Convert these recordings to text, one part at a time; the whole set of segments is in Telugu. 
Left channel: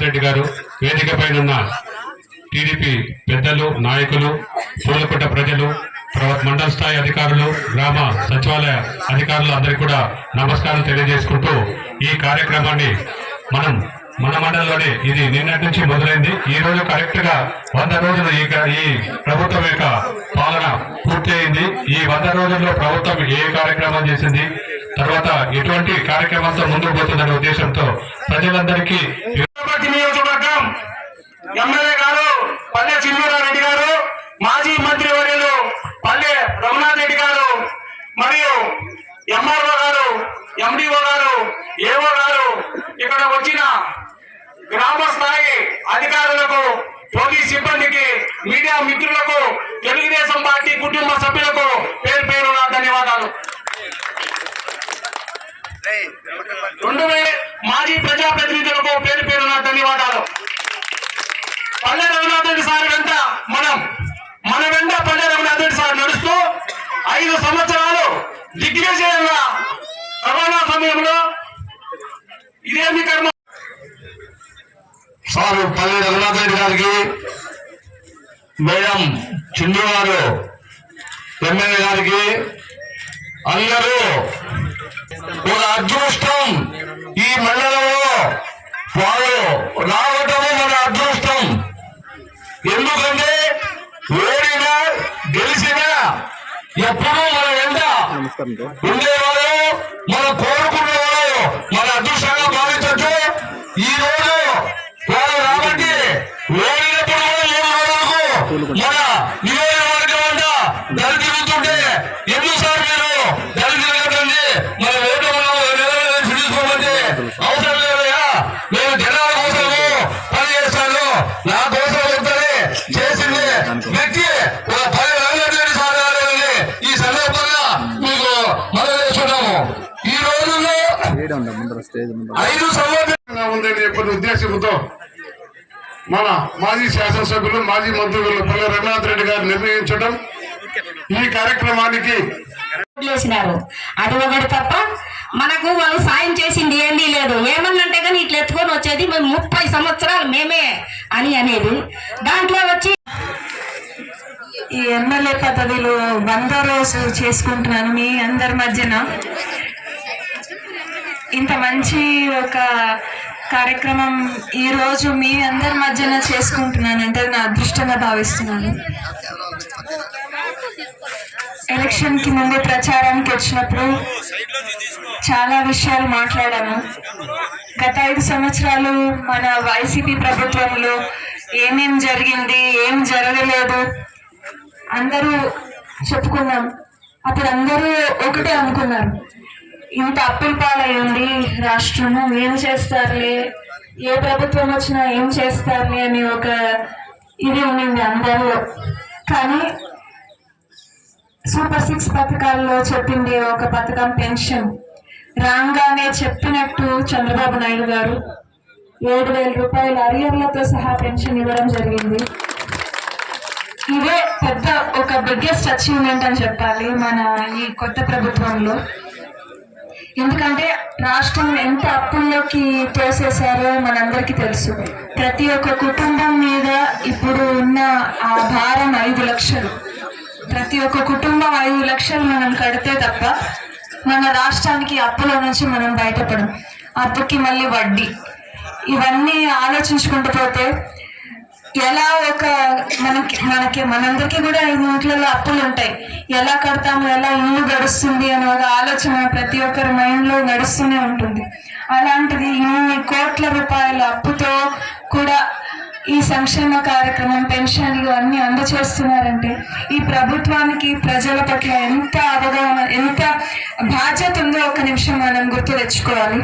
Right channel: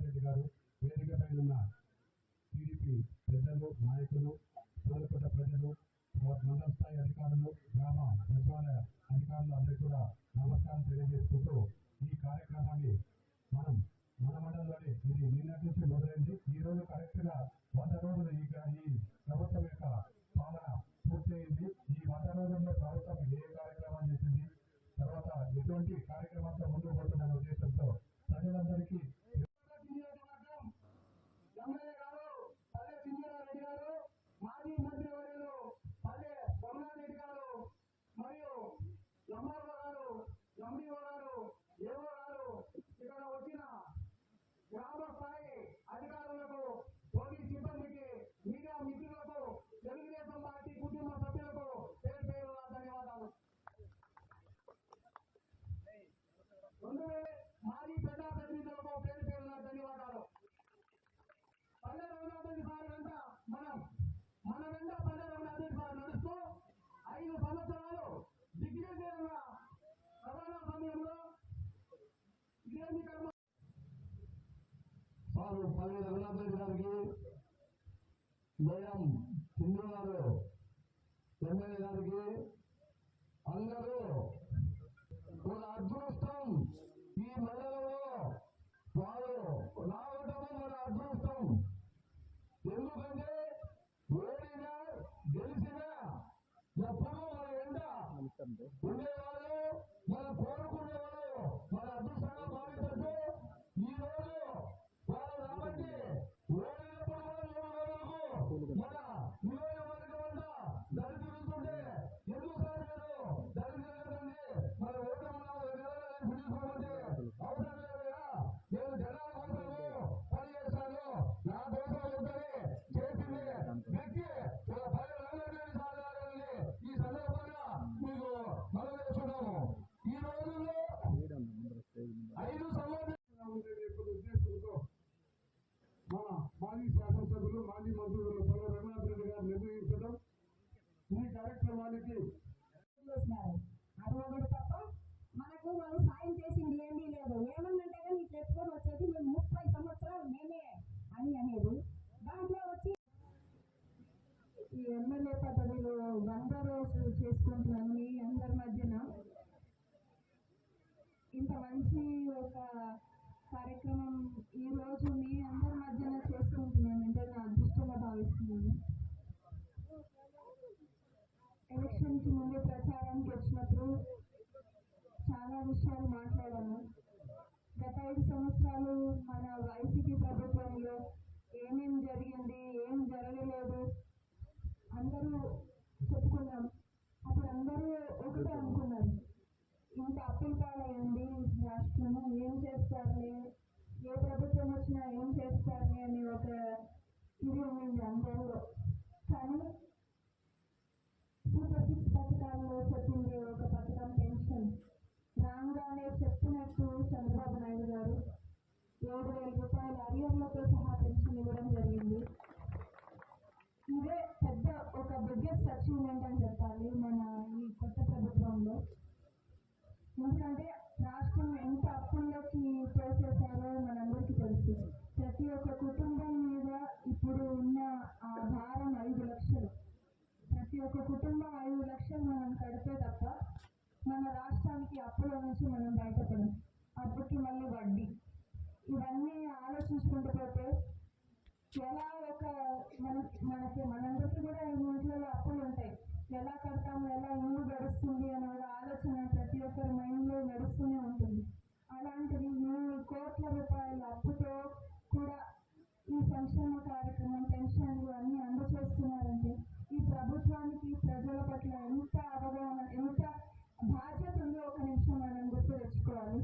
రఘునాథ్ రెడ్డి గారు, వేదిక పైన టీడీపీ పెద్దలు, నాయకులు, పూలకుంట ప్రజలు, మండల స్థాయి అధికారులు, గ్రామ సచివాలయ అధికారులు అందరికీ కూడా నమస్కారం తెలియజేసుకుంటూ ఈ కార్యక్రమాన్ని మన మండలంలోనే ఇది నిన్నటి నుంచి మొదలైంది. ఈ రోజు కరెక్ట్ గా 100 రోజులు ఈ ప్రభుత్వం యొక్క పాలన పూర్తి అయింది. ఈ 100 రోజుల్లో ప్రభుత్వం ఏ కార్యక్రమం చేసింది, తర్వాత ఎటువంటి కార్యక్రమాలతో ముందుకు పోతుందనే ఉద్దేశంతో ప్రజలందరికీ నియోజకవర్గం ఎమ్మెల్యే గారు పల్లె చిన్నరారెడ్డి గారు, మాజీ మంత్రి వర్యులు పల్లె రఘునాథ్ రెడ్డి గారు, మరియు ఎంఆర్ఓ గారు, ఎండిఓ గారు, ఏఓ గారు, ఇక్కడ వచ్చిన గ్రామ స్థాయి అధికారులకు, పోలీస్ సిబ్బందికి, మీడియా మిత్రులకు, తెలుగుదేశం పార్టీ కుటుంబ సభ్యులకు పేరు పేరున ధన్యవాదాలు. మాజీ ప్రజాప్రతినిధులకు పేరు పేరున ధన్యవాదాలు. పల్లె రఘునాథ్ రెడ్డి సార్ వెంట మన వెంట పల్లె రఘునాథ్ రెడ్డి సార్ నడుస్తూ 5 సంవత్సరాలు దిగ్విజయంగా కరోనా సమయంలో ఇదేమి కర్మ సార్ పల్లె రఘునాథ్ రెడ్డి గారికి, మేడం చిండు గారు ఎమ్మెల్యే గారికి, అందరూ ఒక అదృష్టం. ఈ మండలంలో వాళ్ళు రావటము మన అదృష్టం. ఎందుకంటే ఓడినా గెలిచినా ఎప్పుడూ మన వెంట ఉండేవాళ్ళు, మనం కోరుకునే వాళ్ళు మన అదృష్టంగా భావించచ్చు. ఈ రోజు వాళ్ళు రాబట్టి ఓడినప్పుడు మన నియోజకవర్గం అంట దళి తిరుగుతుంటే ఎందుకు సార్ మీరు దళి తిరగదండి, మన ఓటు తీసుకోమంటే అవసరం లేదయా, నేను జనాల కోసము పని చేస్తాను, నా కోసం వద్దనే చేసింది వ్యక్తి ఒక పని రంగారెడ్డి సార్ గారు. ఈ సందర్భంగా మీకు మనం చేస్తున్నాము. ఈ రోజుల్లో 5 సంవత్సరాలుగా ఉందని చెప్పిన ఉద్దేశంతో మన మాజీ శాసనసభ్యులు, మాజీ మంత్రులు పల్లె రఘునాథ్ రెడ్డి గారు నిర్ణయించడం, ఈ కార్యక్రమానికి అది ఒకటి తప్ప మనకు వాళ్ళు సాయం చేసింది ఏంది లేదు. ఏమన్నంటే కానీ ఇట్లా ఎత్తుకొని వచ్చేది మేము 30 సంవత్సరాలు మేమే అని అనేది. దాంట్లో వచ్చి ఈ ఎమ్మెల్యే పదవిలో 100 రోజు చేసుకుంటున్నాను మీ అందరి మధ్యన. ఇంత మంచి ఒక కార్యక్రమం ఈ రోజు మీ అందరి మధ్యన చేసుకుంటున్నానంటే నా అదృష్టంగా భావిస్తున్నాను. ఎలక్షన్ కి ముందు ప్రచారానికి వచ్చినప్పుడు చాలా విషయాలు మాట్లాడాను. గత 5 సంవత్సరాలు మన వైసీపీ ప్రభుత్వంలో ఏమేం జరిగింది, ఏం జరగలేదు అందరూ చెప్పుకున్నాం. అప్పుడు అందరూ ఒకటే అనుకున్నారు, ఇంత అప్పుల పాలయ్యింది రాష్ట్రము, ఏం చేస్తారులే, ఏ ప్రభుత్వం వచ్చినా ఏం చేస్తారులే అని ఒక ఇది ఉండింది అందరిలో. కానీ సూపర్ 6 పథకాల్లో చెప్పింది ఒక పథకం పెన్షన్. రాగానే చెప్పినట్టు చంద్రబాబు నాయుడు గారు 7,000 రూపాయల అరియర్లతో సహా పెన్షన్ ఇవ్వడం జరిగింది. ఇదే పెద్ద ఒక బిగ్గెస్ట్ అచీవ్మెంట్ అని చెప్పాలి మన ఈ కొత్త ప్రభుత్వంలో. ఎందుకంటే రాష్ట్రం ఎంత అప్పుల్లోకి తోసేశారో మనందరికీ తెలుసు. ప్రతి ఒక్క కుటుంబం మీద ఇప్పుడు ఉన్న ఆ భారం 5 లక్షలు. ప్రతి ఒక్క కుటుంబం 5 లక్షలు మనం కడితే తప్ప మన రాష్ట్రానికి అప్పుల నుంచి మనం బయటపడం. అప్పుకి మళ్ళీ వడ్డీ, ఇవన్నీ ఆలోచించుకుంటూ పోతే ఎలా ఒక మనందరికీ కూడా ఇంట్లలో అప్పులు ఉంటాయి, ఎలా కడతాము, ఎలా ఇల్లు గడుస్తుంది అనే ఒక ఆలోచన ప్రతి ఒక్కరి మైండ్లో నడుస్తూనే ఉంటుంది. అలాంటిది ఇన్ని కోట్ల రూపాయల అప్పుతో కూడా ఈ సంక్షేమ కార్యక్రమం, పెన్షన్లు అన్ని అందజేస్తున్నారంటే ఈ ప్రభుత్వానికి ప్రజల పట్ల ఎంత అవగాహన, ఎంత బాధ్యత ఉందో ఒక నిమిషం మనం గుర్తు తెచ్చుకోవాలి.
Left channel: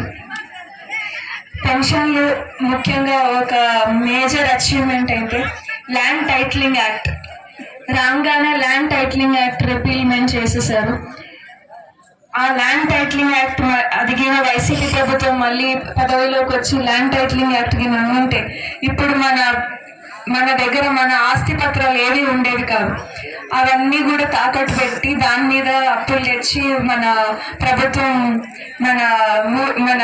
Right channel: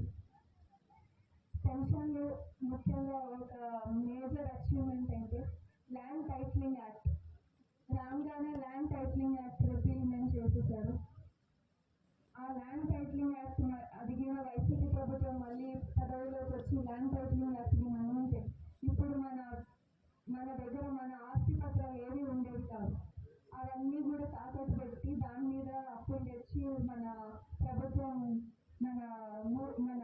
పెన్షన్లు ముఖ్యంగా ఒక మేజర్ అచీవ్మెంట్ అయితే ల్యాండ్ టైటిలింగ్ యాక్ట్. రాగానే ల్యాండ్ టైటిలింగ్ యాక్ట్ రిపీల్మెంట్ చేసేసారు. ఆ ల్యాండ్ టైటిలింగ్ యాక్ట్ అదిగిన వైసీపీ ప్రభుత్వం మళ్ళీ పదవిలోకి వచ్చి ల్యాండ్ టైటిలింగ్ యాక్ట్ కింద ఉంటే ఇప్పుడు మన మన దగ్గర మన ఆస్తి పత్రాలు ఏవి ఉండేవి కాదు. అవన్నీ కూడా తాకట్టు పెట్టి దాని మీద అప్పులు తెచ్చి మన ప్రభుత్వం మన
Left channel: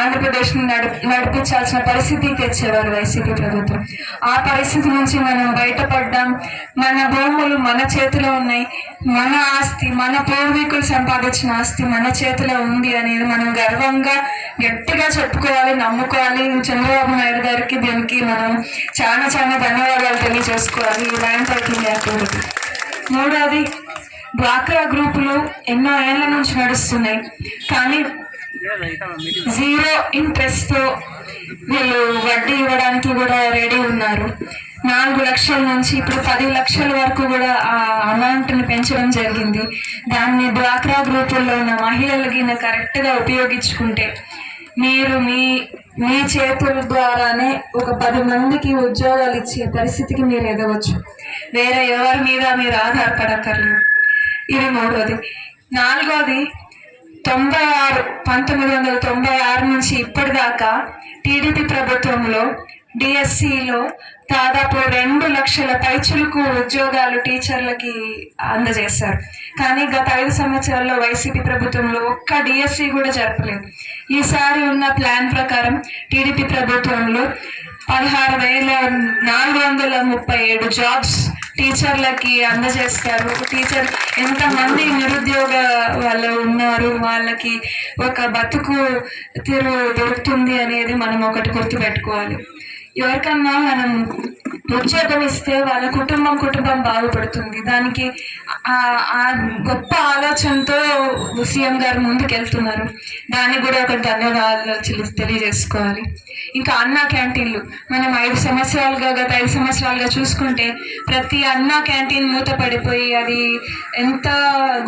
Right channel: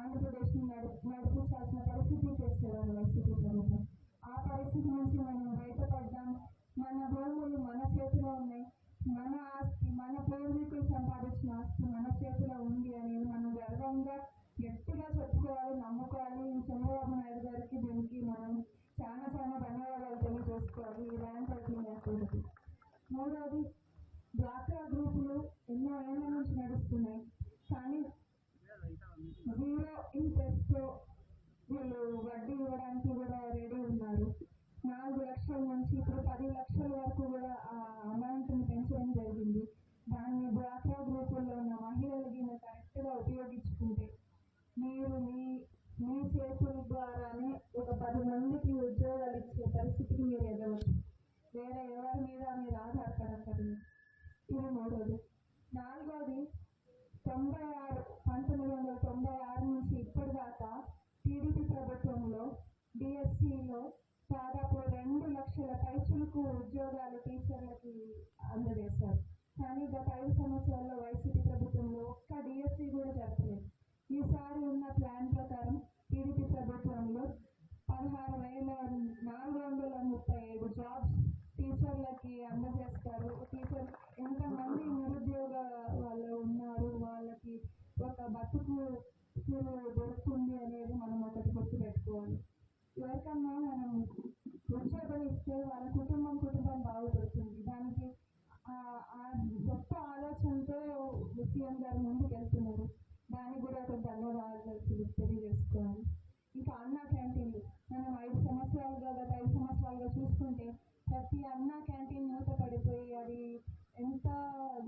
ఆంధ్రప్రదేశ్ నడిపించాల్సిన పరిస్థితికి తెచ్చేవారు వైసీపీ ప్రభుత్వం. ఆ పరిస్థితి నుంచి మనం బయటపడ్డాం. మన భూములు మన చేతిలో ఉన్నాయి. మన ఆస్తి, మన పూర్వీకులు సంపాదించిన ఆస్తి మన చేతిలో ఉంది అనేది మనం గర్వంగా గట్టిగా చెప్పుకోవాలి, నమ్ముకోవాలి. చంద్రబాబు నాయుడు గారికి దీనికి మనం చాలా చాలా ధన్యవాదాలు తెలియజేసుకోవాలి ఈ ల్యాండ్ టైటిలింగ్ యాక్టివిటీ. మూడోది, డ్వాక్రా గ్రూపులు ఎన్నో ఏళ్ల నుంచి నడుస్తున్నాయి, కానీ జీరో ఇంట్రెస్ట్తో వీళ్ళు వడ్డీ ఇవ్వడానికి కూడా రెడీ ఉన్నారు. 4 లక్షల నుంచి ఇప్పుడు 10 లక్షల వరకు కూడా ఆ అమౌంట్ని పెంచడం జరిగింది. దాన్ని డ్వాక్రా గ్రూపుల్లో ఉన్న మహిళలకి కరెక్ట్గా ఉపయోగించుకుంటే మీరు మీ చేతుల ద్వారానే ఒక 10 మందికి ఉద్యోగాలు ఇచ్చే పరిస్థితికి మీరు ఎదగవచ్చు. వేరే ఎవరి మీద మీరు ఆధారపడక్కర్లేదు. ఇది మూడోది. నాలుగోది, 1996 నుంచి ఇప్పటిదాకా టీడీపీ ప్రభుత్వంలో డిఎస్సిలో దాదాపు 2 లక్షల పైచులకు ఉద్యోగాలు టీచర్లకి అందజేశారు. కానీ గత 5 సంవత్సరాల్లో వైసీపీ ప్రభుత్వంలో ఒక్క డిఎస్సి కూడా జరపలేదు. ఈసారి ఉన్న ప్లాన్ ప్రకారం టీడీపీ ప్రభుత్వంలో 16,437 జాబ్స్ టీచర్లకి అందజేస్తారు. టీచర్ ఎంతమంది నిరుద్యోగ వాళ్ళు ఉన్నారు, వాళ్ళకి ఒక బతుకు తీరు దొరుకుతుంది అనేది మనం ఒకటి గుర్తుపెట్టుకోవాలి. ఎవరికన్నా మనం ఉద్యోగం ఇస్తే వాళ్ళ కుటుంబం బాగుపడుతుంది. దానికి ఆ గొప్ప ఆలోచనతో సీఎం గారు ముందుకు వెళ్తున్నారు. దానికి కూడా ఒక ధన్యవాదాలు తెలియజేసుకోవాలి. ఇంకా అన్నా క్యాంటీన్లు మనం గత 5 సంవత్సరాలుగా చూసుకుంటే ప్రతి అన్నా క్యాంటీన్ మూతపడిపోయి అది ఎంత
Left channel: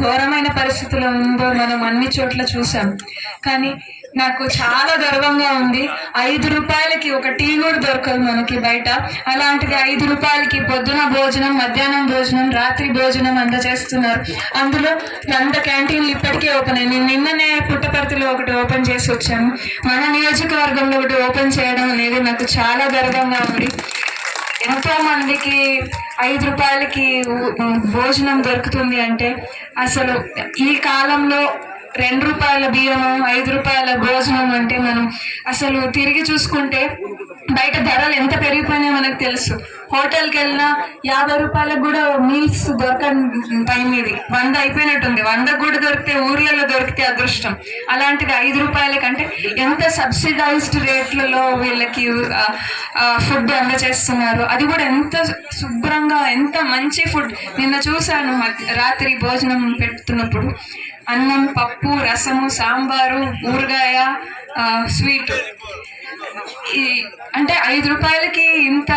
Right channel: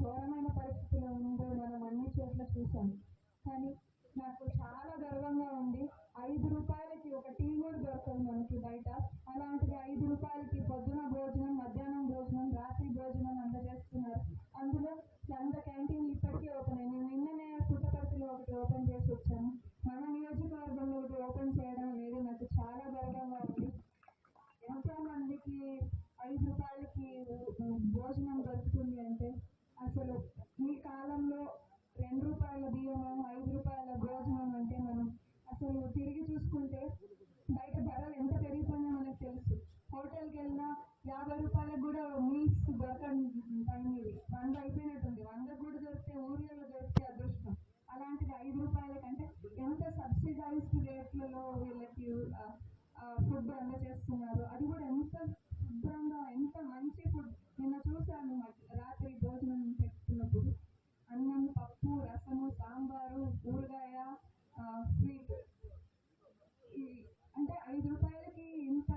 ఘోరమైన పరిస్థితిలో ఉందో మనం అన్ని చోట్ల చూసాం. కానీ నాకు చాలా గర్వంగా ఉంది. 5 రూపాయలకి ఒక టీ కూడా దొరకదు మనకి బయట. అలాంటిది 5 రూపాయలకి పొద్దున భోజనం, మధ్యాహ్నం భోజనం, రాత్రి భోజనం అందజేస్తున్నారు. అందులో 100 క్యాంటీన్లు ఇప్పటికే ఓపెన్ అయ్యి నిన్ననే పుట్టపర్తిలో ఒకటి ఓపెన్ చేసి వచ్చాను. మన నియోజకవర్గంలో ఒకటి ఓపెన్ చేయడం అనేది నాకు చాలా గర్వంగా ఉంది. ఎంతో మందికి 5 రూపాయలకి భోజనం దొరుకుతుంది అంటే అసలు ఈ కాలంలో 2 రూపాయల బియ్యము, 5 రూపాయల భోజనం అంటే మనం అసలు తిరిగి చూసుకుంటే బయట ధరలు ఎంత పెరిగిపోయినాయో మనకు తెలుసు. హోటల్కి వెళ్ళినా 50 రూపాయలకు కూడా మీల్స్ దొరకని టైం ఇది. 100 అయిపోయినట్టుంది. 100 కూడా దొరికితే ఊర్లలో దొరికితే అదృష్టం. అలాంటిది 5 రూపాయల కంటే ఎంత సబ్సిడైజ్డ్ రేట్లలో వీళ్ళకి ఫుడ్ అందజేస్తున్నారు. అది కూడా ఎంత శుభ్రంగా, ఎంత మంచి ఫుడ్. నిన్న చూశాను రాత్రి భోజనం పెడుతున్నప్పుడు అన్నం, పప్పు, రసము, సాంబారు, ఊరగాయ, స్వీట్. అంటే 5 రూపాయలకి ఇంత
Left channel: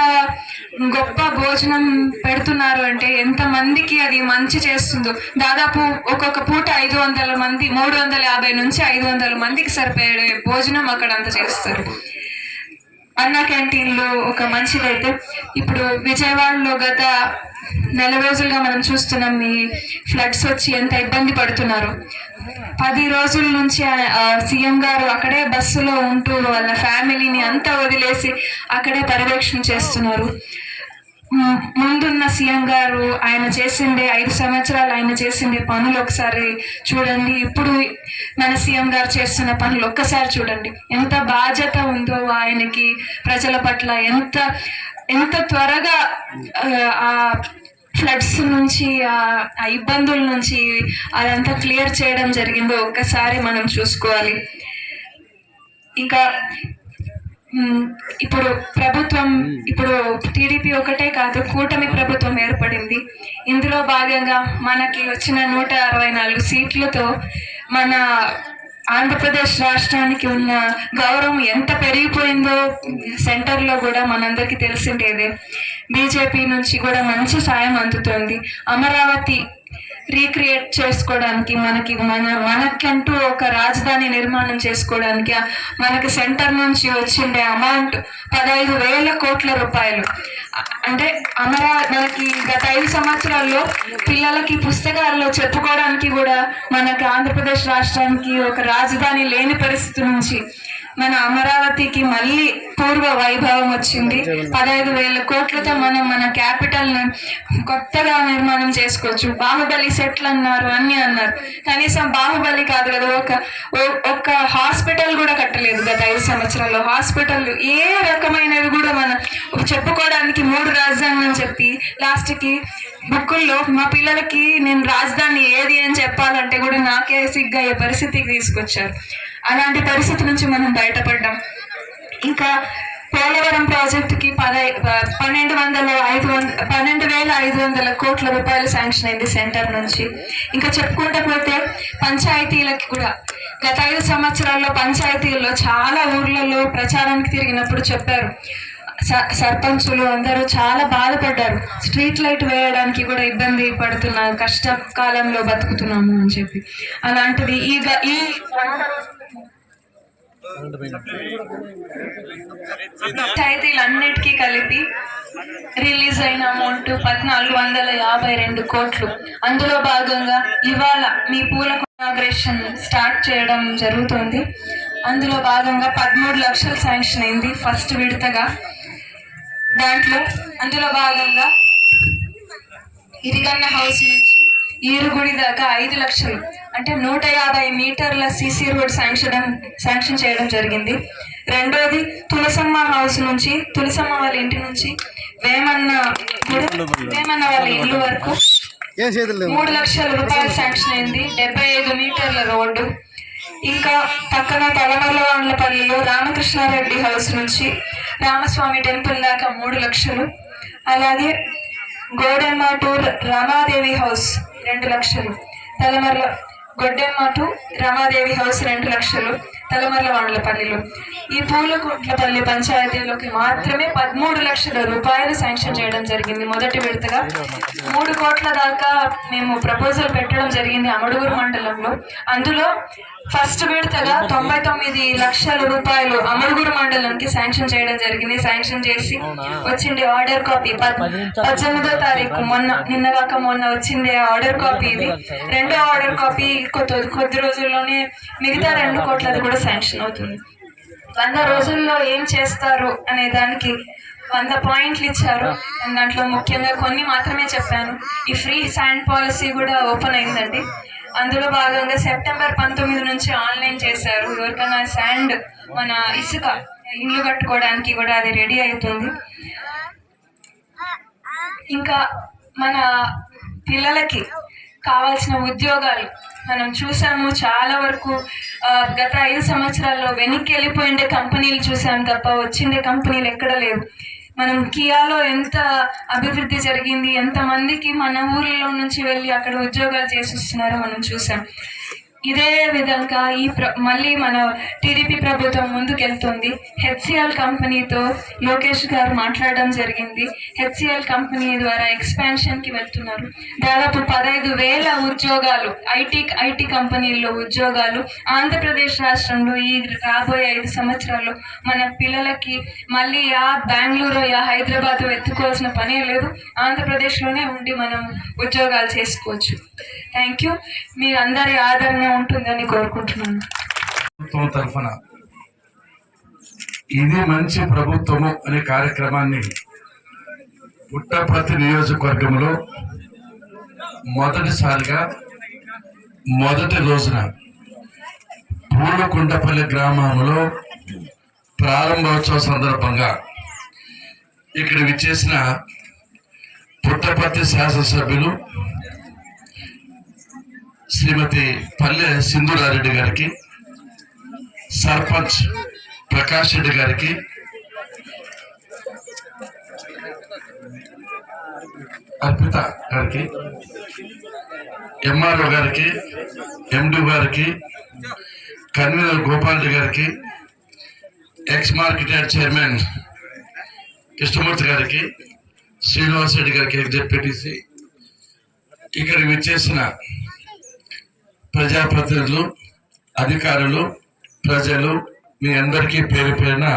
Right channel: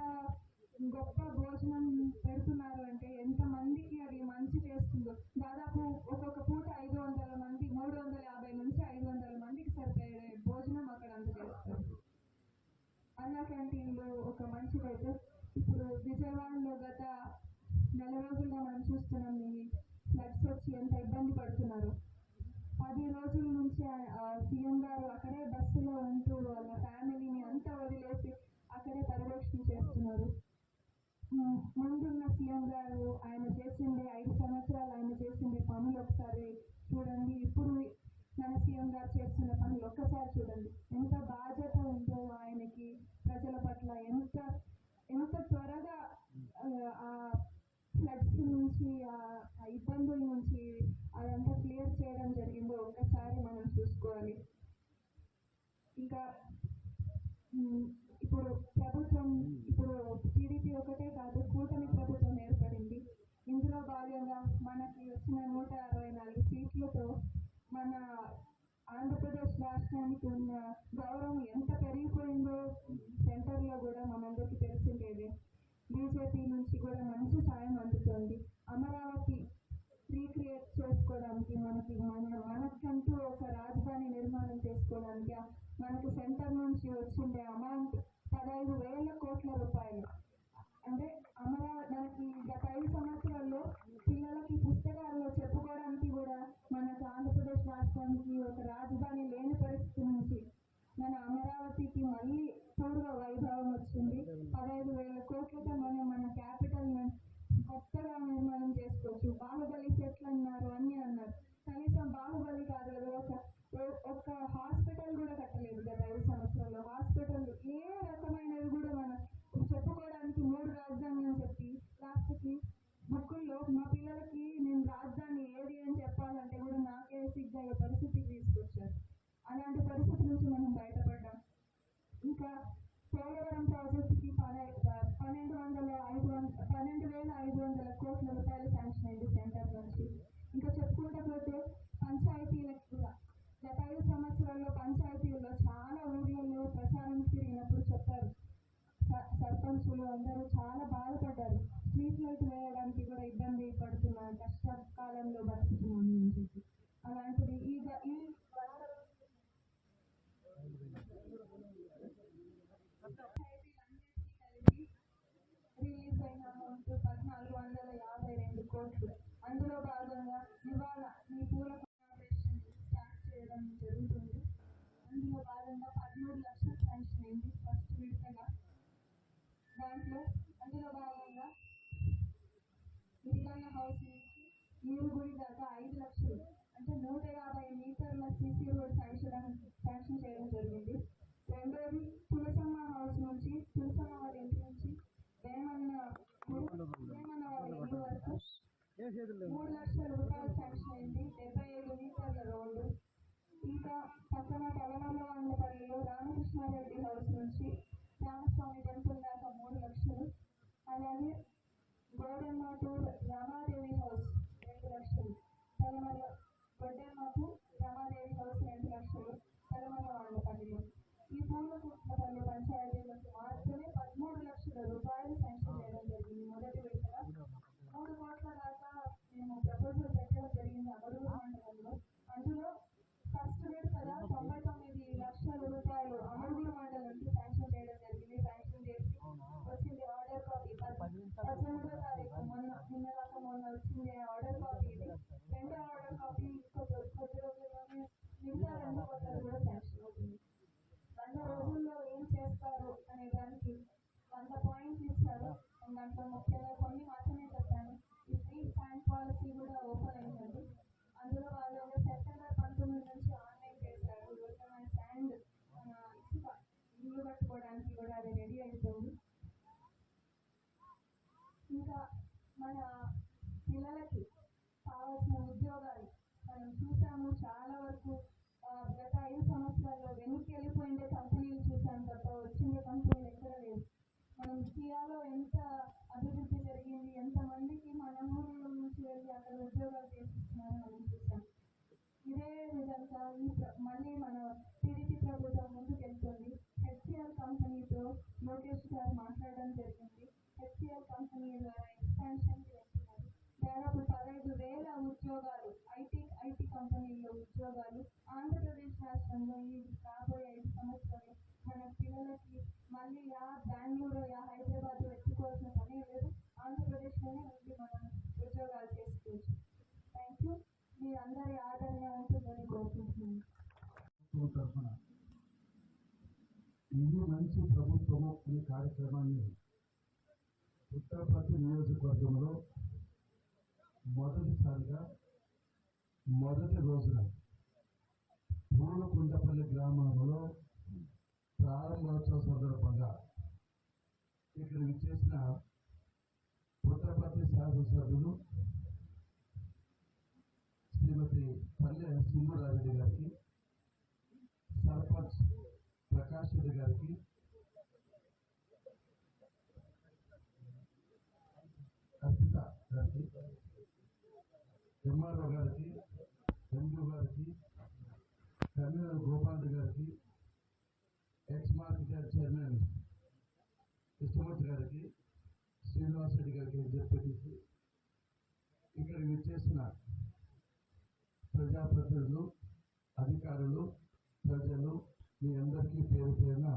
గొప్ప భోజనం పెడుతున్నారు అంటే ఎంత మందికి అది మంచి చేస్తుందో. దాదాపు ఒక్కొక్క పూట 500 మంది, 350 నుంచి 500 మందికి సరిపోయే భోజనం అక్కడ అందజేస్తారు. అన్నా క్యాంటీన్లో ఒక మంచిదైతే ఇప్పుడు విజయవాడలో గత 4 రోజులుగా మనం చూస్తున్నాం ఈ ఫ్లడ్స్ వచ్చి ఎంత ఇబ్బంది పడుతున్నారు. 10 రోజుల నుంచి సీఎం గారు అక్కడే బస్సులో ఉంటూ వాళ్ళ ఫ్యామిలీని అంతా వదిలేసి అక్కడే పర్యవేక్షణ చేస్తున్నారు. ముందున్న సీఎం గారు ఆయన చేసిండే 5 సంవత్సరాలు ఆయన చేసిండే పనులు ఒకసారి చూడండి. ఇప్పుడు మన సీఎం గారు చేస్తున్న పనులు ఒక్కసారి చూడండి. ఎంత బాధ్యత ఉందో ఆయనకి ప్రజల పట్ల, ఎంత త్వరగా ఆ ఫ్లడ్స్ నుంచి, ఆ ఇబ్బందుల నుంచి అదంతా క్లియర్ చేయడం జరిగిందో ఒక్కసారి మనం చూసుకోవాలి. ఇంకా ఇప్పుడు టీడీపీ ఒకటే కాదు, కూటమి ప్రభుత్వం ఏర్పడింది. ఇందులో భాగంగా మనకి వచ్చిన 164 సీట్లతో మన ఆంధ్రప్రదేశ్ రాష్ట్రానికి ఉన్న గౌరవం ఎంత పెరిగిపోయిందో సెంటర్లో కూడా మనందరికీ తెలిసిండేదే. బీజేపీ నుంచి కూడా మంచి సాయం అందుతోంది. అమరావతి రీక్రియేట్ చేసుకోవడానికి మనకంటూ ఒక రాజధాని నిర్మాణం చేసుకోవడానికి మనకి సెంటర్ నుంచి వచ్చిండే అమౌంట్ 15,000 కోట్ల రూపాయలు. అంటే మనకి గత 5 సంవత్సరాల్లో పిల్లలకి పుస్తకాల్లో చెప్పుకోవడానికి కూడా మనకి ఆంధ్రప్రదేశ్ రాష్ట్రానికి ఒక రాజధాని లేని పరిస్థితి నుంచి మన అమరావతికి మళ్ళీ పూర్వ వైభవం వచ్చింది. 15,000 కోట్లతో మనం మన క్యాపిటల్ కొత్తగా నిర్మాణం చేసుకోవచ్చు. బాహుబలి సెట్లు అన్నారు, అన్ని అన్నారు, కనీసం బాహుబలి కాదు కదా, ఒక హాస్పిటల్ కూడా కట్టలేదు గత 5 సంవత్సరాల్లో. హాస్పిటల్ ఏ రకమైనవి కూడా మనం చెప్పుకోవడానికి 3 రాజధానులు అని చెప్పి లాస్ట్కి బుక్కుల్లో మా పిల్లలకి నేను రాజధాని ఏది అని చెప్పాలంటే కూడా నాకే సిగ్గు అయ్యే పరిస్థితికి తీసుకొచ్చారు. అలాంటి పరిస్థితి నుంచి మనం బయటపడ్డాం. ఇంకా పోలవరం ప్రాజెక్టుకి 12,500 కోట్ల రూపాయలు శాంక్షన్ అయింది సెంటర్ నుంచి. ఇంకా చెప్పుకుంటూ పోతే పంచాయతీలకి కూడా గత 5 సంవత్సరాల్లో పంచాయతీల్లో చాలా ఊర్లలో ప్రచారానికి తిరిగినప్పుడు చెప్పారు, సర్పంచులు అందరూ చాలా బాధపడ్డారు, స్ట్రీట్ లైట్ వేయడానికి కూడా ఇబ్బంది పడుతున్నారు, కష్టకాలంలో బతుకుతున్నాము అని చెప్పి. అలాంటిది ఈ పంచాయతీలన్నిటికీ కలిపి రిలీజ్ అయిన అమౌంట్ 1,452 కోట్లు. అందులో భాగంగా ఇవాళ మీ పూల ఇనాగ్రేషన్ స్టార్ట్ చేయడం జరుగుతుంది. అందులో భాగంగా 13 లక్షలు శాంక్షన్ అయింది ఫస్ట్ విడతగా. అందులో భాగంగా ఇరిగన్న హౌస్ నుంచి ఈరుగుడి దాకా 5 లక్షలు, అంటే 150 మీటర్ల సీసీ రోడ్ శాంక్షన్ చేయడం జరిగింది. రెండోది తులసమ్మ హౌస్ నుంచి, తులసమ్మ వాళ్ళ ఇంటి నుంచి వేమన్న వాళ్ళ ఇల్లు వరకు 3 లక్షల రూపాయలు శాంక్షన్ అయింది. 75 మీటర్ల రోడ్డు. ఇంకా పక్కన తలమర్లవాండ్లపల్లిలో రామకృష్ణారెడ్డి హౌస్ నుంచి రామస్వామి టెంపుల్ దాకా 3 లక్షలు. అలాగే గోడెమ్మ టు రమాదేవి హౌస్ 2 లక్షలు. గొడ్డెమ్మ టు రమాదేవి హౌస్ 2 లక్షలు తలమర్లవాండ్లపల్లిలో. ఈ పూలకుంట్లపల్లి పంచాయతీలోకి మాత్రమే 13 లక్షల రూపాయలు శాంక్షన్ చేయడం జరిగింది మొదటి విడతగా. 3 కోట్ల దాకా మేము ప్రపోజల్ పెట్టడం జరిగింది అమడుగురు మండలంలో. అందులో ఫస్ట్ విడతగా 99 లక్షల రూపాయలు అమడుగురు మండలంకి శాంక్షన్ చేయడం జరిగింది. శాంక్షన్ చేసి వచ్చింది ఆర్డర్ కాపీ 18వ తారీఖు మొన్న వచ్చింది ఆర్డర్ కాపీ. ఇది రెండో ఆర్డర్ కాపీ కొద్ది రోజుల్లోనే మిగతా 2 కోట్లది కూడా శాంక్షన్ అవుతుంది. 100 రోజుల్లో ఏం చేస్తారు అనే దానికి 100 పాయింట్లు ఇచ్చారు. దాంట్లో ముఖ్యంగా కొన్ని మాత్రమే చెప్పాను. ఈ ఫ్రీ శాండ్ పాలసీ కూడా ఓపెన్ అయిందండి. అందులో భాగంగా సెప్టెంబర్ 19 నుంచి ఆన్లైన్ చేశారు. ఎవరికైనా శాండ్ మన ఇసుక ఇల్లు కట్టుకోవడానికి కూడా అది రెడీ అవుతుంది. ఇంకా మన పిల్లలకి కావాల్సిన ఉద్యోగాలు మనం చూసాము. చాలా వరకు గత 5 సంవత్సరాల్లో వెనక్కి వెళ్ళిపోయిండే కంపెనీలు చూసాం తప్ప వచ్చిండే కంపెనీలు ఎక్కడ లేవు. మనం కియాలో ఎంత అభివృద్ధి జరిగింది, ఎంతమందికి మన ఊర్లో నుంచి వెళ్ళి అక్కడ ఉద్యోగాలు చేసిస్తున్నారో మనం చూసాం. ఇదే విధంగా మళ్ళీ మన టీడీపీ ప్రభుత్వం ముందుకెళ్తుంది. హెచ్సిఎల్ కంపెనీతో లోకేష్ గారు మాట్లాడడం జరిగింది. హెచ్సిఎల్ కంపెనీ ద్వారా ఎక్స్పాన్షన్కి వెళ్తున్నారు. దాదాపు 15,000 ఉద్యోగాలు ఐటీ కంపెనీల్లో ఉద్యోగాలు ఆంధ్రప్రదేశ్ రాష్ట్రంలో ఈ రాబోయే 5 సంవత్సరాల్లో మన పిల్లలకి మళ్ళీ బెంగళూరు హైదరాబాద్ ఎత్తుకోవాల్సిన పనే లేదు. ఆంధ్రప్రదేశ్లోనే ఉండి మనం ఉద్యోగాలు చేసుకోవచ్చు. Thank you. మీ అందరి ఆదరణ ఉంటుందని కోరుకుంటున్నాను. ప్రభుత్వం తరఫున ఇది మంచి ప్రభుత్వము అనే కార్యక్రమాన్ని పుట్టపర్తి నియోజకవర్గంలో మొదటిసారిగా మొదటి రోజున పూలకుంటపల్లి గ్రామంలో ప్రారంభోత్సవ సందర్భంగా ఇక్కడ విచ్చేసిన పుట్టపర్తి శాసనసభ్యులు శ్రీమతి పల్లె సింధూరారెడ్డి గారికి, సర్పంచ్ ప్రకాష్ రెడ్డి గారికి, అర్పిత గారికి, ఎంఆర్ఓ గారికి, ఎండి గారికి, కన్వీనర్ గోపాల్ రెడ్డి గారికి, ఎక్స్ మార్కెట్ చైర్మన్ కృష్ణమూర్తి గారికి, శ్రీనివాస్ రెడ్డి గారికి జెడ్పీటీసీ, ఇక్కడికి విచ్చేసిన ప్రజాప్రతినిధులు, అధికారులు, ప్రజలు, మీ అందరికీ పేరు పేరున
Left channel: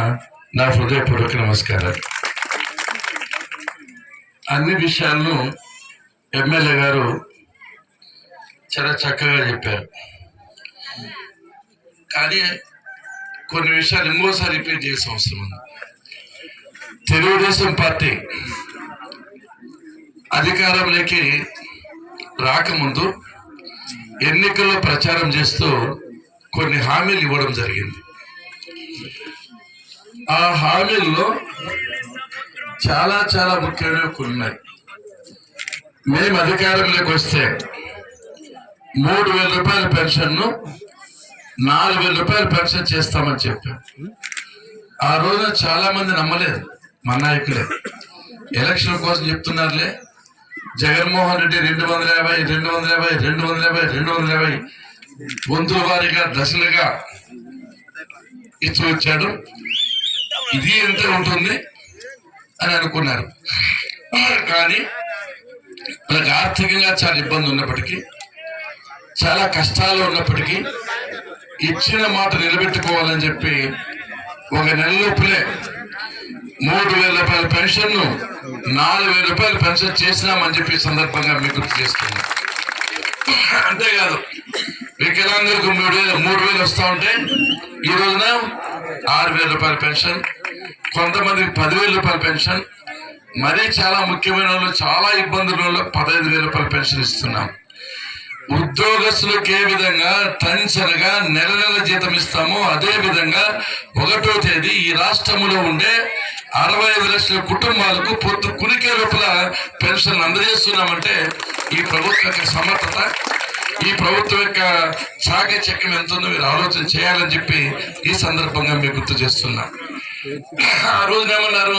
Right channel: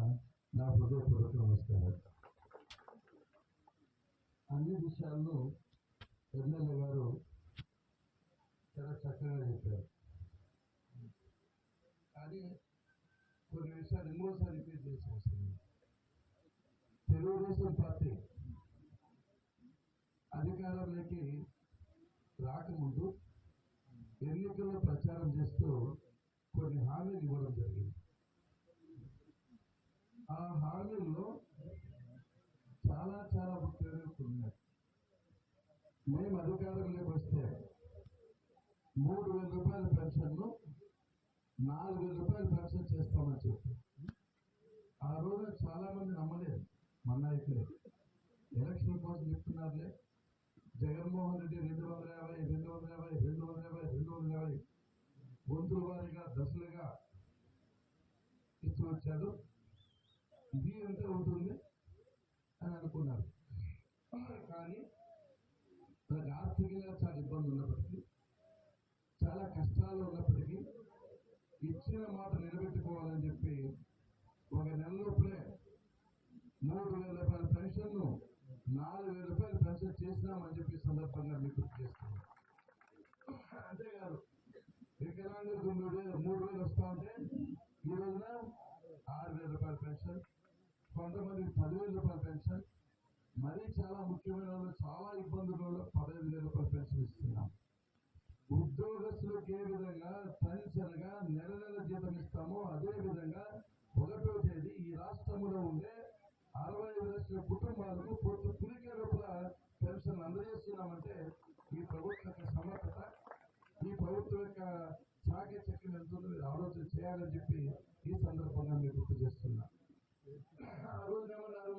నా హృదయపూర్వక నమస్కారాలు. అన్ని విషయాలను ఎమ్మెల్యే గారు చాలా చక్కగా చెప్పారు. కానీ కొన్ని విషయాలు ఇంకోసారి రిపీట్ చేసే అవసరం ఉంది. తెలుగుదేశం పార్టీ అధికారంలోకి రాకముందు ఎన్నికల్లో ప్రచారం చేస్తూ కొన్ని హామీలు ఇవ్వడం జరిగింది. ఆ హామీల్లో చాలా చాలా ముఖ్యమైనవి కొన్ని ఉన్నాయి. మేము అధికారంలోకి వస్తే 3,000 రూపాయల పెన్షన్ను 4,000 రూపాయల పెన్షన్ చేస్తామని చెప్పాం. ఆ రోజున చాలా మంది నమ్మలేదు, మా నాయకులే. ఎలక్షన్ కోసం చెప్తున్నారులే, జగన్మోహన్ రెడ్డి 250, 250, 250, 250 వంతుల వారీగా దశలుగా ఇచ్చి వచ్చాడు. ఇది ఎంత ఉంటుంది అని అనుకున్నారు. కానీ మనకు ఆర్థికంగా చాలా ఇబ్బంది ఉన్నప్పటికీ, చాలా కష్టాలు ఉన్నప్పటికీ ఇచ్చిన మాట నిలబెట్టుకోవాలని చెప్పి ఒక నెల లోపులే 3,000 రూపాయల పెన్షన్ను 4,000 రూపాయల పెన్షన్ చేసినామని చెప్పి సందర్భంగా మీకు గుర్తు చేస్తున్నాం. అంతేకాదు, వికలాంగులకు 3,000 వస్తూ ఉంటే ఈ రోజున 6,000 రూపాయల పెన్షన్, కొంతమందికి 10,000 రూపాయల పెన్షన్, మరీ చాలా ముఖ్యమైన వాళ్ళు, చాలా ఇబ్బందుల వల్ల 15,000 రూపాయల పెన్షన్ ఇస్తున్నాం. ఉద్యోగస్తులకు ఏ విధంగా టెన్షన్గా నెల నెల జీతం ఇస్తామో అదే విధంగా 1వ తేదీ ఈ రాష్ట్రంలో ఉండే 65 లక్షల కుటుంబాలకు పొద్దు కునికే లోపల పెన్షన్ అందజేస్తున్నామంటే ఈ ప్రభుత్వం యొక్క సమర్థత, ఈ ప్రభుత్వం యొక్క చాకచక్యం ఎంత ఉందో మీరు ఆలోచన చేయాలని చెప్పి ఈ సందర్భంగా మీకు గుర్తు చేస్తున్నా. ఆ రోజున ఏమన్నారు,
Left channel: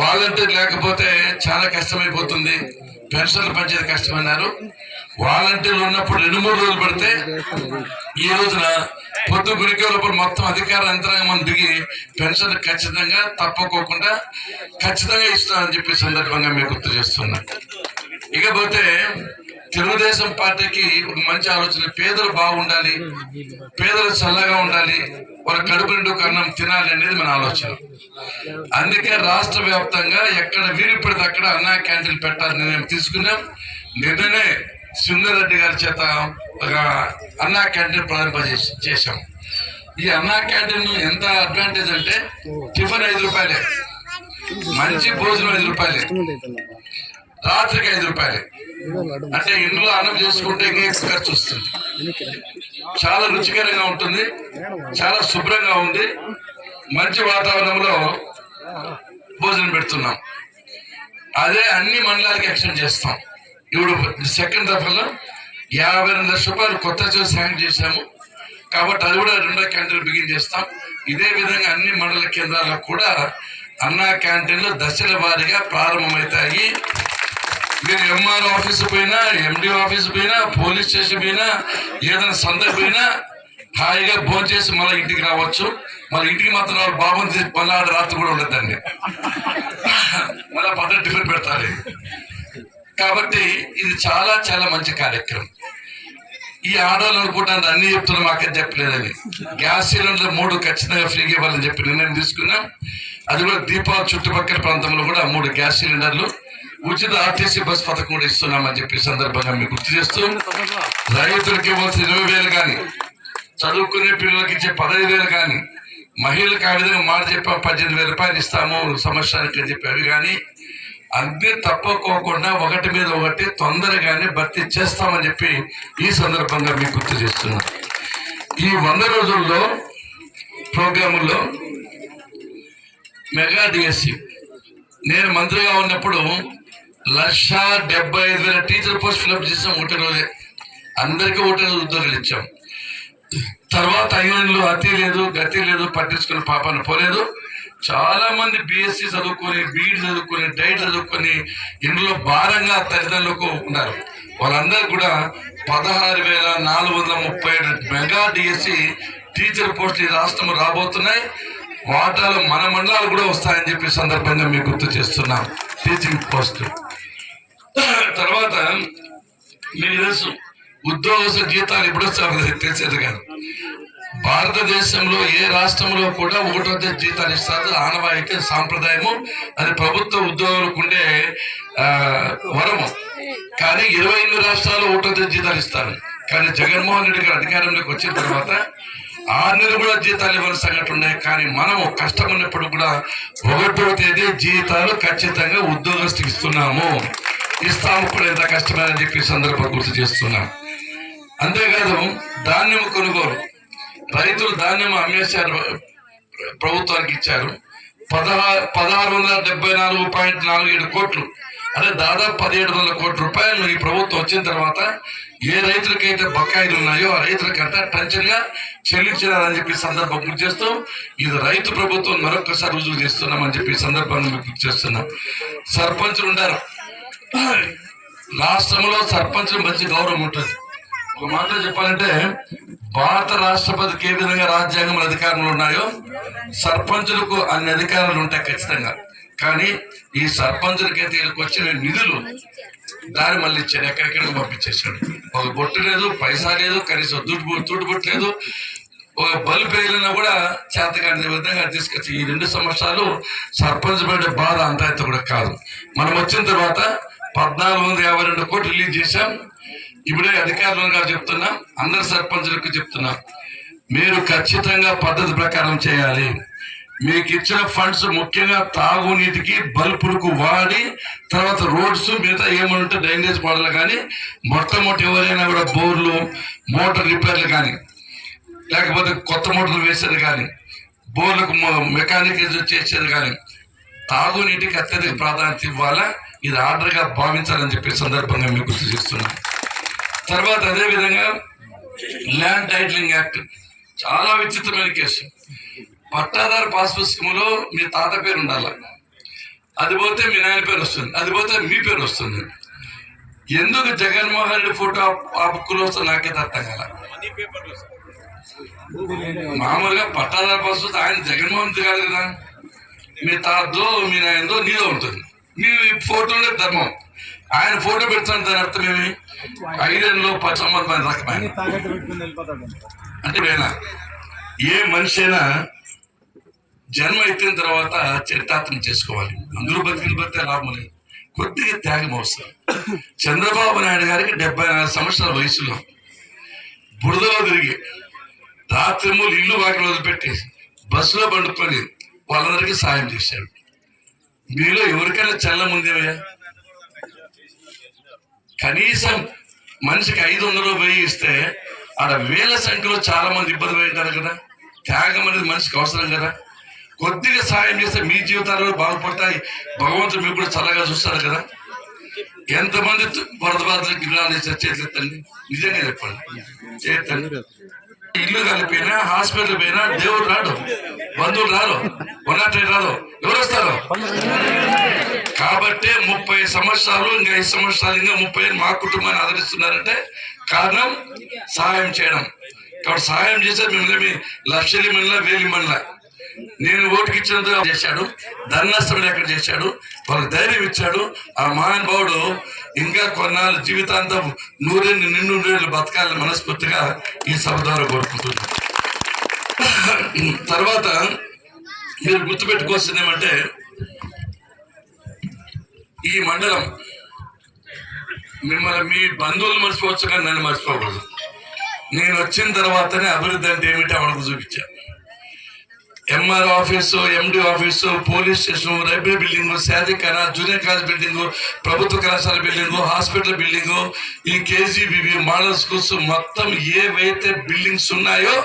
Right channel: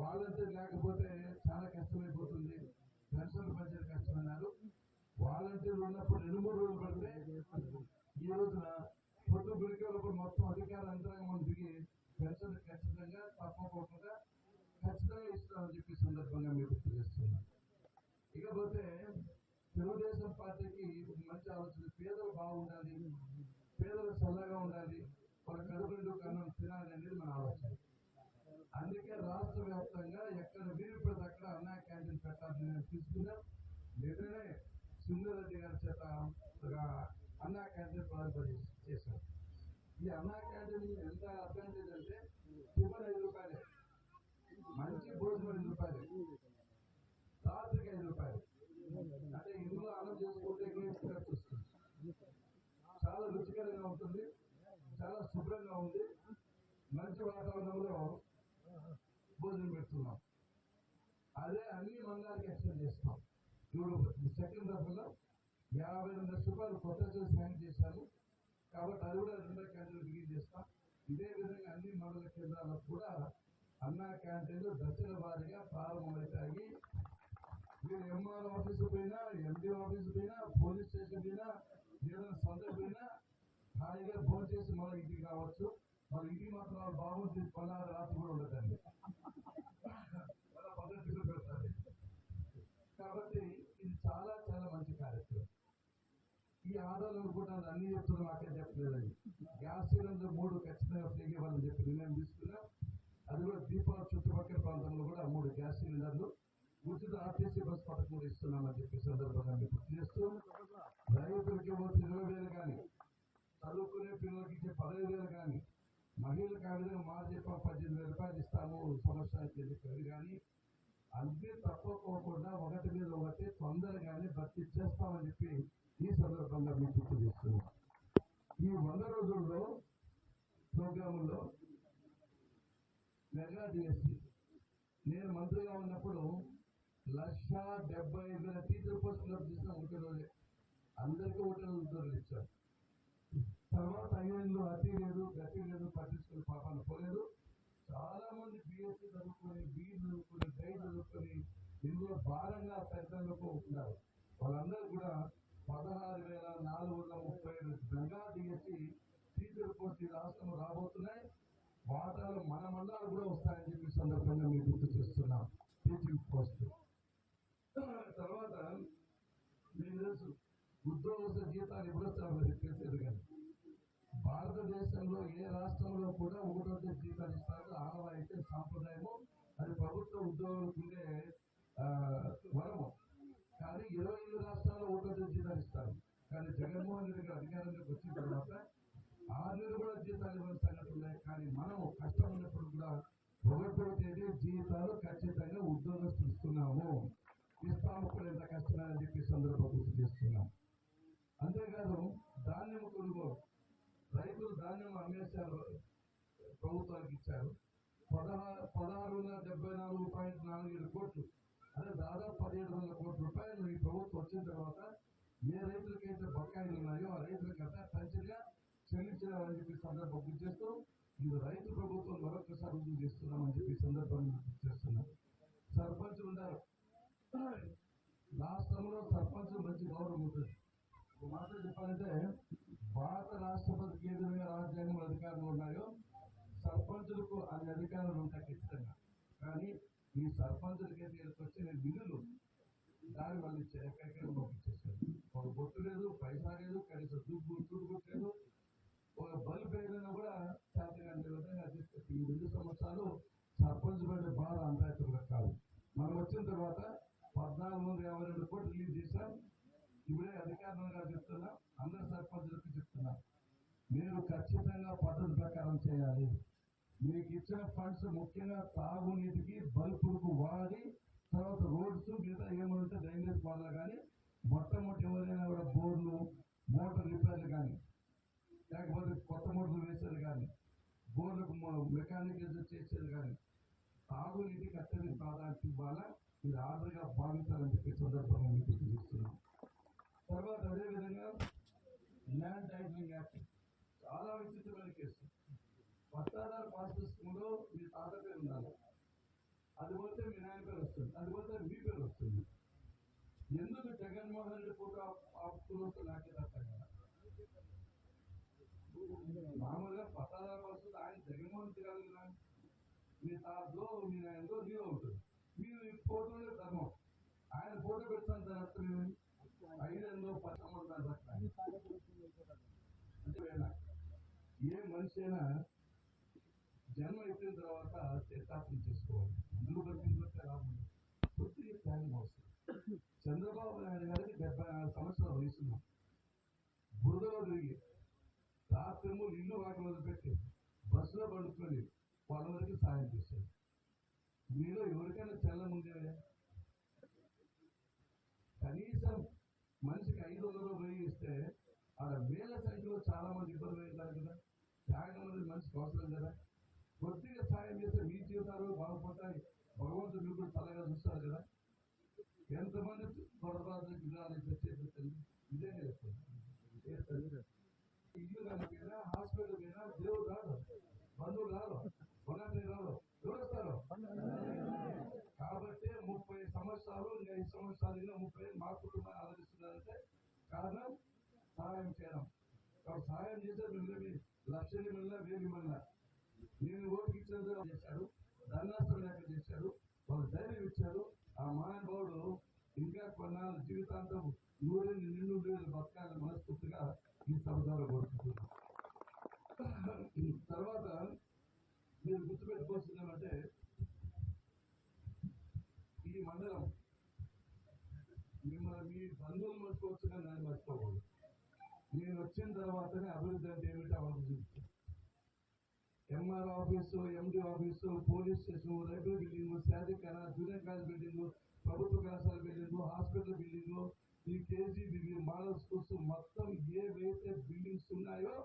వాలంటీర్ లేకపోతే చాలా కష్టమైపోతుంది, పెన్షన్లు పంచేది కష్టమన్నారు. వాలంటీర్లు ఉన్నప్పుడు 2-3 రోజులు పడితే ఈ రోజున పొద్దు గురికే లోపల మొత్తం అధికార యంత్రాంగం దిగి పెన్షన్ ఖచ్చితంగా తప్పకోకుండా ఖచ్చితంగా ఇస్తానని చెప్పి సందర్భంగా మీకు గుర్తు చేస్తున్నా. ఇకపోతే తెలుగుదేశం పార్టీకి ఒక మంచి ఆలోచన, పేదలు బాగుండాలి, పేదలు చల్లగా ఉండాలి, వాళ్ళ కడుపు నిండు అన్నం తినాలి అనేది మన ఆలోచన. అందుకే రాష్ట్ర వ్యాప్తంగా ఎక్కడ వీలు పడితే అక్కడ అన్నా క్యాంటీన్లు పెట్టాలని మేము తీసుకున్నాం. నిన్ననే సుందరెడ్డి గారి చేత ఒక అన్నా క్యాంటీన్ ప్రారంభ చేశాం. ఈ అన్నా క్యాంటీన్ ఎంత అడ్వాంటేజ్ అంటే టిఫిన్ 5 రూపాయలే, మంచి భోజనం 5 రూపాయలే, రాత్రికి 5 రూపాయలే. అంటే ఇంట్లో అన్నం చేసుకుంటే ఇంకా ఖర్చు వస్తుంది. చాలా రుచికరంగా ఉంటుంది, చాలా శుభ్రంగా ఉంది, మంచి వాతావరణంలో భోజనం పెడుతున్నాం. అదే అన్ని మండలాలకి ఎక్స్టెండ్ చేస్తాం. ఇప్పుడు సెకండ్ దఫాలో 52 లక్షల రూపాయలు కొత్త శాంక్షన్ చేశాము కాబట్టి అది కూడా 2వ క్యాంటీన్ బిగిన్ చేస్తాం. ఇదే విధంగా అన్ని మండల కేంద్రాల్లో కూడా అన్నా క్యాంటీన్లు దశల వారీగా ప్రారంభమవుతాయి. మీరు ఎంఆర్ఓ ఆఫీసు పోయినా, ఎండి ఆఫీసు పోయినా, పోలీస్ స్టేషన్ పోయినా, ఏదైనా సందర్భం పోయినా హాయిగా భోజనం చేసి మళ్ళీ ఇంటికి రావచ్చు. మళ్ళీ ఇంటికి మాత్రం వాళ్ళు బాగుంది మళ్ళీ రాత్రి కూడా ఉండదండి, మళ్ళీ పద్ధతి టిఫిన్ పెడతారు. కాబట్టి ఇది చాలా చాలా మంచి కార్యక్రమం. ఈ ఆడవాళ్ళు అనుకుంటాను అన్ని చెప్తున్నా, మాకేం చెప్పలేదని. గ్యాస్ సిలిండర్ 3 ఖచ్చితంగా ఫ్రీగా ఇవ్వాలని చెప్పి నిర్ణయం తీసుకున్నాం. అది కూడా దీపావళి చుట్టుపక్కల ప్రాంతంలో కూడా 3 గ్యాస్ సిలిండర్లు, ఉచిత ఆర్టీసీ బస్ పథకం కూడా ఇస్తున్నామని చెప్పి సందర్భంగా మీకు గుర్తు చేస్తూ, రైతులకు ఇవ్వాల్సిన 20,000 కానీ, చదువుకునే పిల్లలకి ఇచ్చే 15,000 కానీ, మహిళలకు ఆ విధంగా మాట చెప్పా 18,000 రూపాయలు ఇస్తాము సంవత్సరానికి అని చెప్పి అవి కానీ అన్ని తప్పకోకుండా ఒకటి మీద ఒకటి తొందరగానే భర్తీ చేస్తామని చెప్పి ఈ సందర్భంగా మీకు గుర్తు చేస్తున్నాం. ఈ 100 రోజుల్లో ప్రోగ్రాముల్లో మెగా డిఎస్సి నేను మంత్రిగా ఉన్నప్పుడు 1,75,000 టీచర్ పోస్ట్ ఫిల్అప్ చేసాం. ఒకటి రోజే అందరికీ ఒకటి రోజు ఉద్యోగాలు ఇచ్చాం. తర్వాత 5 నెలలు అతి లేదు గతి లేదు, పట్టించుకుని పాపాన్ని పోలేదు. చాలా మంది బిఎస్సి చదువుకొని, బీఈడి చదువుకొని, డైట్ చదువుకొని ఇందులో భారంగా తల్లిదండ్రులకు ఉన్నారు. వాళ్ళందరూ కూడా 16,437 మెగా డిఎస్సి టీచర్ పోస్టులు ఈ రాష్ట్రంలో రాబోతున్నాయి. వాటాలు మన మండలాలు కూడా వస్తాయని చెప్పి సందర్భంగా మీకు గుర్తు చేస్తున్నాం. టీచింగ్ పోస్ట్ తర్వాత మీకు తెలుసు ఉద్యోగస్తుల జీతాలు ఎప్పుడు వస్తాయో తెలిసేది కాదు. భారతదేశంలో ఏ రాష్ట్రంలో కూడా 1వ తేదీ జీతాలు ఇస్తారు, ఆనవాయితీ సాంప్రదాయము. అది ప్రభుత్వ ఉద్యోగులకు ఉండే వరము. కానీ 28 రాష్ట్రాలు 1వ తేదీ జీతాలు ఇస్తారు. కానీ జగన్మోహన్ రెడ్డి గారు అధికారంలోకి వచ్చిన తర్వాత 6 నెలలు కూడా జీతాలు ఇవ్వని సంఘటన ఉన్నాయి. కానీ మనము కష్టం ఉన్నప్పుడు కూడా 1వ తేదీ జీతాలు ఖచ్చితంగా ఉద్యోగస్తుకి ఇస్తాము కూడా ఎంత కష్టమని చెప్పి సందర్భం గుర్తు చేస్తున్నాం. అంతేకాదు ధాన్యం కొనుగోలు, రైతులు ధాన్యం అమ్మేశారు, ప్రభుత్వానికి ఇచ్చారు. 1674.47 కోట్లు, అంటే దాదాపు 1700 కోట్ల రూపాయలు ఈ ప్రభుత్వం వచ్చిన తర్వాత ఏ రైతులకైతే బకాయిలు ఉన్నాయో ఆ రైతులకంతా టంచన్గా చెల్లించారని చెప్పి సందర్భం గుర్తు చేస్తూ ఇది రైతు ప్రభుత్వం మరొకసారి రుజువు చేస్తున్నామని చెప్పి సందర్భాన్ని గుర్తు చేస్తున్నాం. సర్పంచులు ఉండారు. రాష్ట్రంలో సర్పంచులు మంచి గౌరవం ఉంటుంది. ఒక మాటలో చెప్పాలంటే భారత రాష్ట్రపతికి ఏ విధంగా రాజ్యాంగంలో అధికారంలో ఉన్నాయో సర్పంచులకు అన్ని అధికారాలు ఉంటాయి ఖచ్చితంగా. కానీ ఈ సర్పంచులకైతే వీళ్ళకి వచ్చిన నిధులు దారి మళ్ళీ ఇచ్చాడు, ఎక్కడెక్కడికి పంపించేశాడు. ఒక బొట్టు లేదు, పైసా లేదు, కనీసం తుట్టు బొట్టు లేదు, ఒక బల్బు వేయాలన్నా కూడా చేతకాని విధంగా తీసుకొచ్చి ఈ 2 సంవత్సరాలు సర్పంచ్ పడే బాధ అంతా అయితే కూడా కాదు. మనం వచ్చిన తర్వాత 1452 కోట్లు రిలీజ్ చేశాం. ఇప్పుడే అధికారులుగా చెప్తున్నాం, అందరు సర్పంచులకు చెప్తున్నాం, మీరు ఖచ్చితంగా పద్ధతి ప్రకారం చేయాలి. మీకు ఇచ్చిన ఫండ్స్ ముఖ్యంగా తాగునీటికి బల్బులకు వాడి తర్వాత రోడ్స్ మిగతా ఏమంటే డ్రైనేజ్ పడాలి. కానీ మొట్టమొదటి ఎవరైనా కూడా బోర్లు మోటార్ రిపేర్లు కానీ లేకపోతే కొత్త మోటార్లు వేసేది కానీ బోర్లకు మెకానిక్ చేసేది కానీ తాగునీటికి అత్యధిక ప్రాధాన్యత ఇవ్వాలా. ఇది ఆర్డర్గా భావించాలని చెప్పే సందర్భంగా మీకు గుర్తు చేస్తున్నాం. తర్వాత అదేవిధంగా ల్యాండ్ టైటిలింగ్ యాక్ట్ చాలా విచిత్రమైన కేసు. పట్టాదారు పాస్ పుస్తకంలో మీ తాత పేరు ఉండాలి, అది పోతే మీ నాయన పేరు వస్తుంది, అది పోతే మీ పేరు వస్తుంది. ఎందుకు జగన్మోహన్ రెడ్డి ఫోటో ఆ బుక్లో వస్తే నాకైతే అర్థం కాల. మామూలుగా పట్టాదారు పాస్ పుస్తకం ఆయన జగన్మోహన్ రెడ్డి కాదు కదా, మీ తాతదో మీ నాయనదో నీదో ఉంటుంది. మీ ఫోటోనే ధర్మం. ఆయన ఫోటో పెడతాను, దాని అర్థం ఏమి 5 ఏళ్ళలో 10 సంవత్సరాల రకమైన అంటే ఏ మనిషి అయినా జన్మ ఎత్తిన తర్వాత చరితార్థం చేసుకోవాలి. అందరూ బతికే లాభం లేదు, కొద్దిగా త్యాగం అవసరం. చంద్రబాబు నాయుడు గారికి 74 సంవత్సరాల వయసులో బురదలో తిరిగి రాత్రిమూలు ఇల్లు వాకిలు వదిలిపెట్టి బస్సులో పండుకొని వాళ్ళందరికీ సాయం చేశాడు. మీలో ఎవరికైనా చల్లం ఉందేమయ్యా? కనీసం మనిషికి 500 వెయ్యి ఇస్తే ఆడ వేల సంఖ్యలో చాలా మంది ఇబ్బంది పడ్డారు కదా. త్యాగం అనేది మనిషికి అవసరం కదా. కొద్దిగా సాయం చేస్తే మీ జీవితాలు బాగుపడతాయి, భగవంతుడు మీకు కూడా చల్లగా చూస్తాడు కదా. ఎంతమంది వరద బాధితులకు గిరాలు చేశారు? చేతులెత్తండి, నిజంగా చెప్పండి, చేతండి. ఇల్లు కలిపినా హాస్పిటల్ పోయినా దేవుడు రాడు, బంధువులు రారు, 108 రాదు, ఎవరు వస్తారు? కాబట్టి 30 సంవత్సరాలు ఇంకా 5 సంవత్సరాలు ఇంకా 30 మా కుటుంబాన్ని ఆదరిస్తున్నారంటే కారణం సహాయం చేయడం. కాబట్టి సహాయం చేస్తే మిమ్మల్ని లక్షలు మళ్ళీ 1000 మళ్ళీ నేను ఓటుకి ఇచ్చినందుకు చేశాడు, ధర్నష్టం ఎక్కడ చేశాడు, వాళ్ళకి ధైర్యం ఇచ్చాడు. ఆ మహానుభావుడు ఇంకా కొన్నాళ్ళు జీవితాంతం 100 బతకాలని మనస్ఫూర్తిగా ఈ సభ ద్వారా కోరుకుంటున్నాను. తర్వాత మీరు గుర్తుపెట్టుకోవాల్సింది ఏమంటే ఈ మండలం మిమ్మల్ని మీ బంధువులు మర్చిపోవచ్చు కానీ నన్ను మర్చిపోకూడదు. నేను వచ్చిన తర్వాతనే అభివృద్ధి అంటే ఏమిటి మనకు చూపించాను. MR office, MD office, police station, railway building, శారీఖానా, జూనియర్ కాలేజ్ బిల్డింగు, ప్రభుత్వ కళాశాల బిల్డింగు, హాస్పిటల్ బిల్డింగు, ఈ కేజీబీబీ మోడల్ స్కూల్స్ మొత్తం ఏవైతే బిల్డింగ్స్ ఉన్నాయో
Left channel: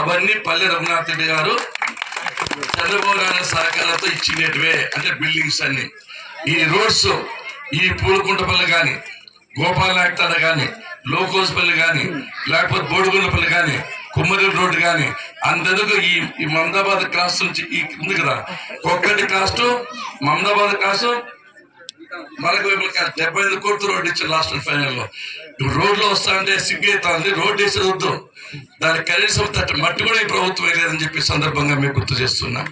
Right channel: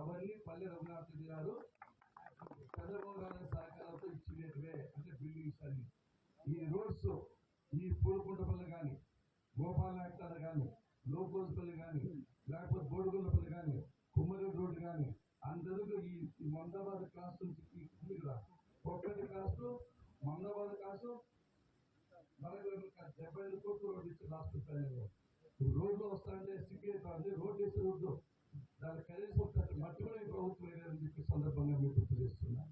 అవన్నీ పల్లె రఘునాథ్ రెడ్డి గారు చంద్రబాబు నాయుడు సహకారంతో ఇచ్చినట్టువే. అంటే బిల్డింగ్స్ అన్ని, ఈ రోడ్స్, ఈ పూలకుంటపల్లి కానీ, గోపాల్ నాయక్తాడ కానీ, లోకోస్పల్లి కానీ, లేకపోతే బోడుగుండపల్లి కానీ, కుమ్మరి రోడ్డు కానీ, అంతకు ఈ మమదాబాద్ క్రాస్ నుంచి ఈ ఉంది కదా, ఒక్కటి క్రాస్ టు మమదాబాద్ క్రాస్ మనకు 75 కోట్ల రోడ్డు ఇచ్చారు లాస్ట్ ఫైనల్లో. రోడ్లో వస్తా అంటే సిగ్గైతుంది, రోడ్డు వేసేది వద్దు, దానికి కనీసం మట్టి కూడా ఈ ప్రభుత్వం వేయలేదని చెప్పి సందర్భంగా మేము గుర్తు చేస్తున్నాం.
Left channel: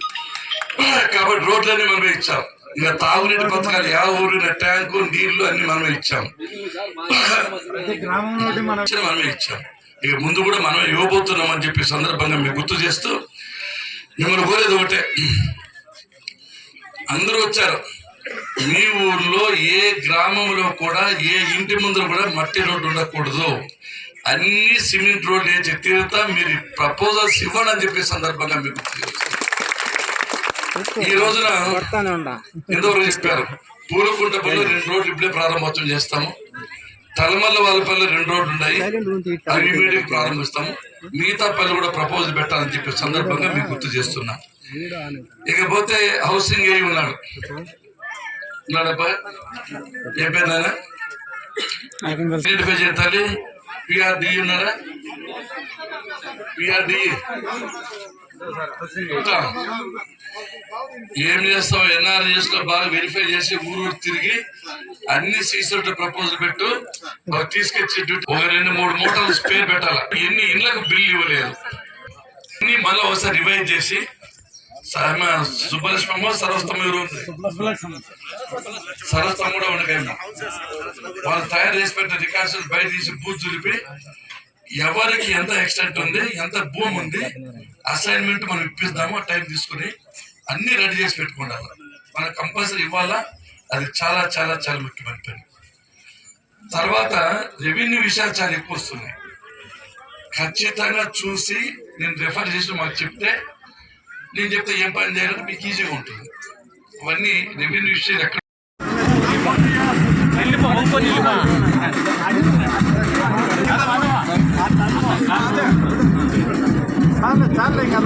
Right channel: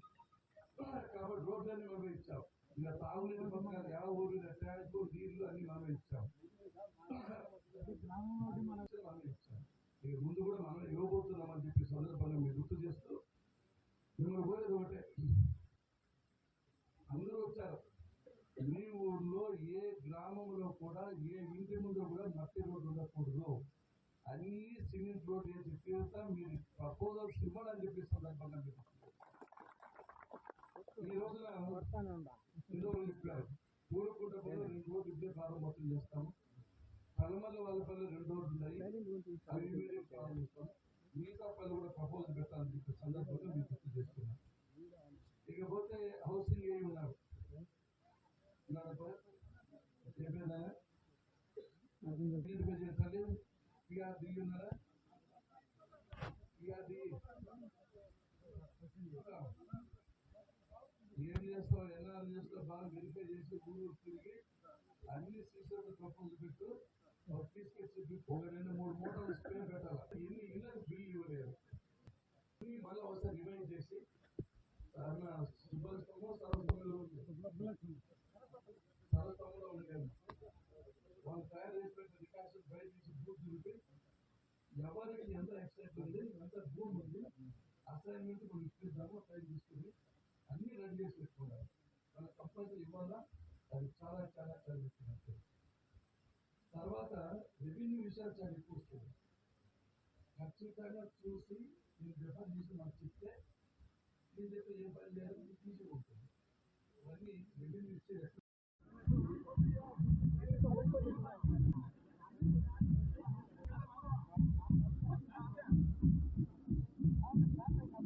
కాబట్టి రోడ్లన్నీ మనమే ఇచ్చాం. ఇంకా తాగునీటి పథకాలు ఊరు ట్యాంకు నీళ్లు అన్ని మనమే ఇచ్చాం, మనమే ఇచ్చాం. ఇక ముందు కూడా మనం ఇవ్వబోతున్నాం అని చెప్పి సందర్భంగా మీకు గుర్తు చేస్తూ మిమ్మల్ని కోరేది ఒకటే, అందరూ వచ్చారు. మీ ఊర్లో ఏ గ్రామంలో కూడా ఏ ఇంటి ముందు కూడా మట్టి రోడ్డు ఉండకూడదు. అన్ని సిమెంట్ రోడ్లు వేసి తీరుతా, మీరు ప్రపోజల్స్ ఇవ్వండి అని చెప్పే సందర్భంగా మీకు తెలియజేస్తున్నాను. ఈ రోజున ఎంతవరకు చెప్పారు, పూలకుంట పనులు 2 రోడ్లు ఇప్పుడే ప్రారంభోత్సవం చేస్తాము. తలమల్ల వాళ్ళ పనులు 2 రోడ్లు ఉన్నాయి, అవి ఇమీడియట్ ప్రారంభిస్తాము. మిగతా పనులు కూడా ప్రపోజల్ పెట్టాలని చెప్పే సందర్భంగా మీకు గుర్తు చేస్తున్నా. ఇకపోతే హౌసింగ్ ఏ ఉన్నాడు ఉన్నాడబ్బా, ఏ పేరు ఐడెంటిఫై చేయాలి. పిఆర్డి ఉన్నారా, పిఆర్డి ఏం చేస్తావు, ఎన్ఆర్ఎస్ లో బాగా వెరిఫై చేసి ఊరు తిరిగి అన్ని సీసీ ప్రపోజల్ పెట్టు, తీసుకొచ్చి 2-3 మూటలు స్పేర్ పెట్టాల. ఎన్ని ఇళ్లకు బిల్లు ఇవ్వలేదు, అన్ని మళ్ళీ ఒకసారి రివైజ్ చేసి సుబ్బలక్ష్మమ్మ సరస్వతం సరస్వతం కూడా ఉండకండి, వాళ్ళు తయారు చేసి పెట్టిన రికార్డ్స్ బయట తీసి బూత్ చులిపి ఎవరికి ఎంత ఎక్స్టెంట్ ఉంది, ఎంత భూమి ఉంది, అసైన్మెంట్ మనం ఇప్పిస్తాము. టైం తీసుకుని అన్ని రెడీ చేసి పెట్టుకుంటారు. మనకు కంపల్సరీ ఇవ్వాలా, అది చాలా చాలా చాలా ముఖ్యమైన పని. తర్వాత రెవెన్యూ విషయాలు చాలా ఎక్కువ వస్తున్నాయి. ఖచ్చితంగా చూసి నేను రెఫర్ చేసి మాకు చెప్తే, నేను చెప్తే ఏం పని చేయాలంటే మీకు ఈజీగా ఉంటుంది. అవన్నీ రెవెన్యూ విషయాలు ఎక్కడ చాలే ఇంకా